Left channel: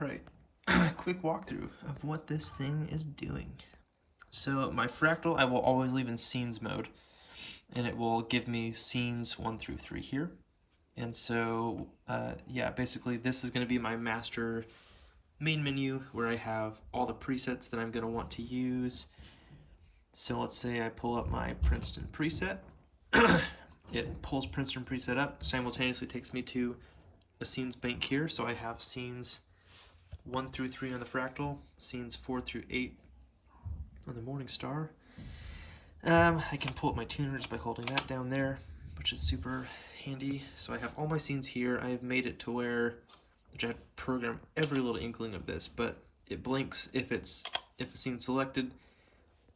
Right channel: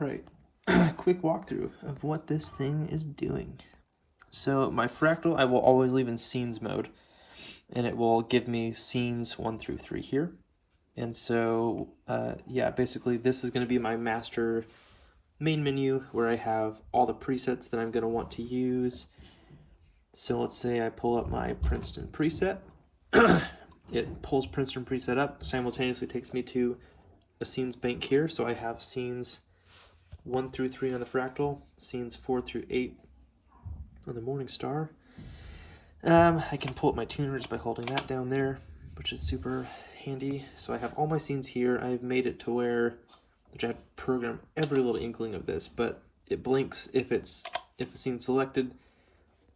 All right, quick walkthrough of what this thing is doing. So my fractal I will always leave in scenes mode, and it will give me scenes 1 through 3 here. And so yeah, basically this is going to be my master main menu where I have all the presets that I'm going to want to use. So let's say I pull up my Princeton preset. It pulls Princeton preset up, simultaneously takes me to a scenes bank here. So I have scenes 1 through 3 on the Fractal, scenes 4 through 8 on the Morningstar. I can pull up my tuners by holding that down there, which is super handy. So I have all my scenes here. I've made it to where, which I have to program every little inkling of this, but it blinks if a scene's selected.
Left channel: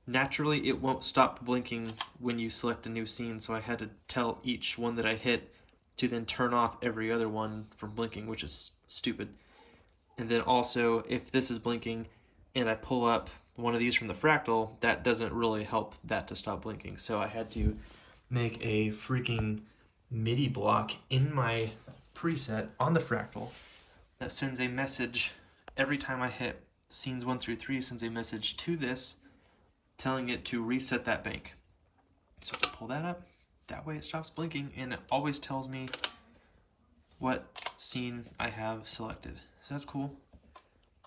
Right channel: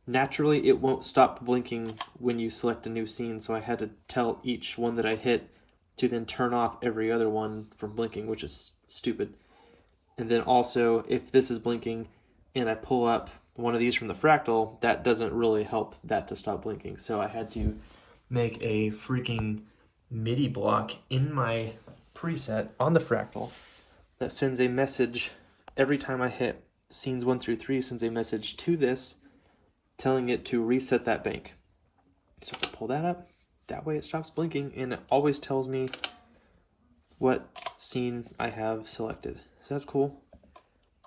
Naturally, it won't stop blinking when you select a new scene, so I had to tell each one that I hit to then turn off every other one from blinking, which is stupid. And then also, if this is blinking and I pull up one of these from the Fractal, that doesn't really help that to stop blinking. So I had to make a freaking MIDI block in my preset on the Fractal that sends a message every time I hit scenes 1 through 3, sends a message to this telling it to reset that bank. So I pull that up, that way it stops blinking, and it always tells me what scene I have selected. So that's cool.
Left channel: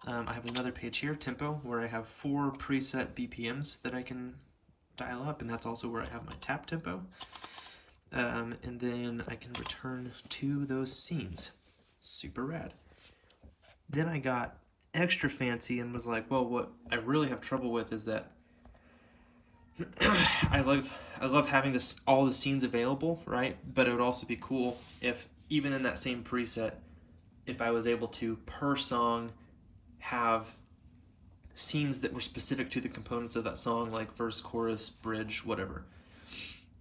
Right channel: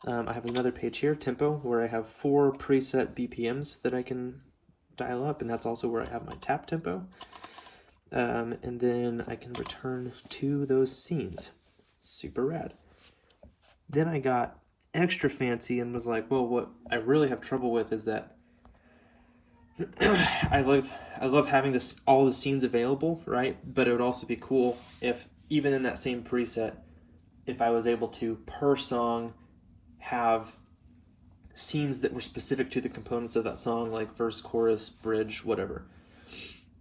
I have another page here, tempo, where I have 4 preset BPMs that I can dial up, and that's also where I have my tap tempo. And then I can return to those scenes. Super rad. Then I got extra fancy and was like, well, what I really have trouble with is that I love having all the scenes available, right? But it would also be cool if even in that same preset, if I was able to per song have scenes that were specific to the components of that song, like verse, chorus, bridge, whatever.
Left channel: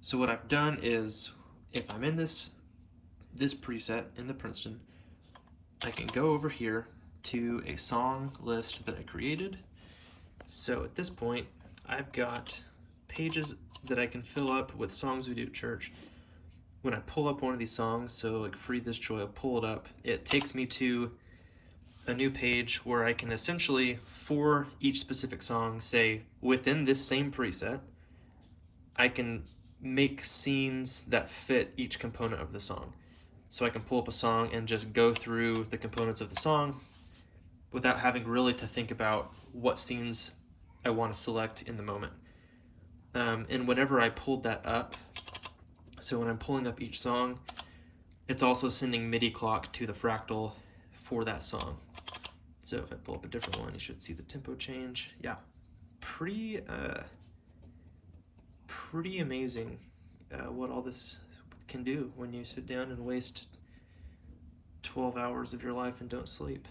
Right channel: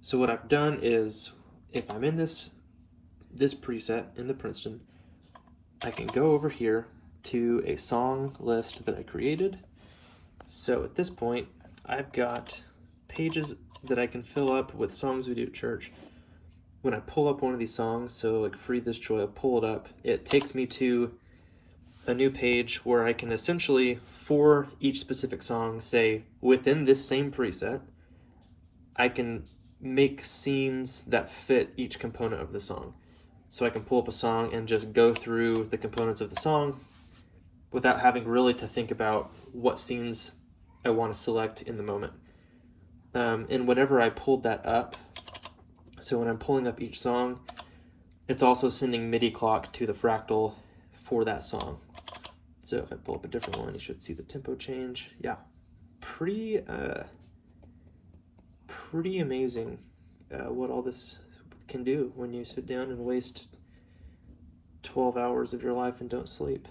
So what I've done is, if I'm in this preset in the Princeton, I can go over here to a song list that I created. So at this point, I've got pages that I can fill up with songs we do at church. When I pull up one of these songs, so like Free This Joy, I'll pull it up, it takes me to a new page where I can essentially, for each specific song, say within this same preset, I can make scenes that fit each component of the song. So I can pull up a song and just go through the components of the song without having really to think about what scenes I want to select in the moment. And whenever I pulled that up, so when I'm pulling up each song, it's also sending MIDI clock to the Fractal for that song. So if I pull up a different one, you should see the tempo change. Yeah, pretty amazing what all this can do when you sit down and waste 12 hours of your life and don't sleep.